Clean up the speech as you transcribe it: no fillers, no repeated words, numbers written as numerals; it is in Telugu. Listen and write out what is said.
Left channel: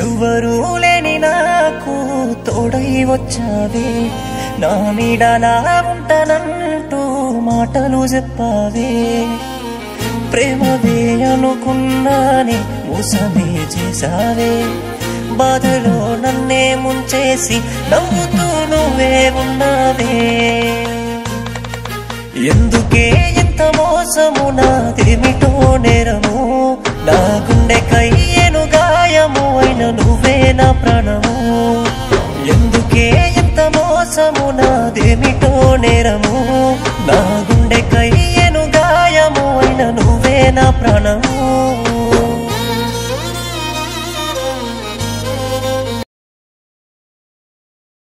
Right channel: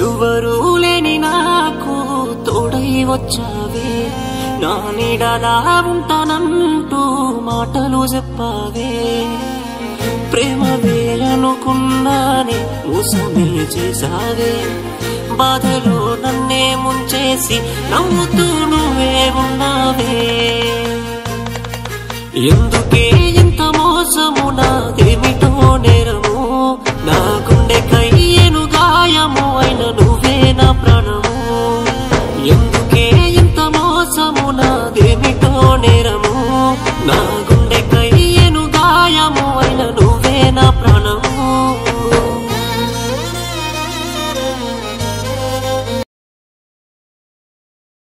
ఎవ్వరూ లేని నాకు తోడై వచ్చావే, నా నీడలా ఉంటానంటూ మాటలు చెప్పావే. ప్రేమవే అనుకున్నానే మోసమే చేసావే, బాధలో నన్నే ముంచేసి నవ్వుతూ నువ్వే ఉన్నావే. ఎందుకే ఎంత మోసము, నాదేమిటో నేరము, నా గుండెకై ఏను గాయము అయిన నువ్వే నా ప్రాణము. ఎందుకే ఎంత మోసము, నాదేమిటో నేరము, నా గుండెకై ఏను గాయము అయిన నువ్వే నా ప్రాణము.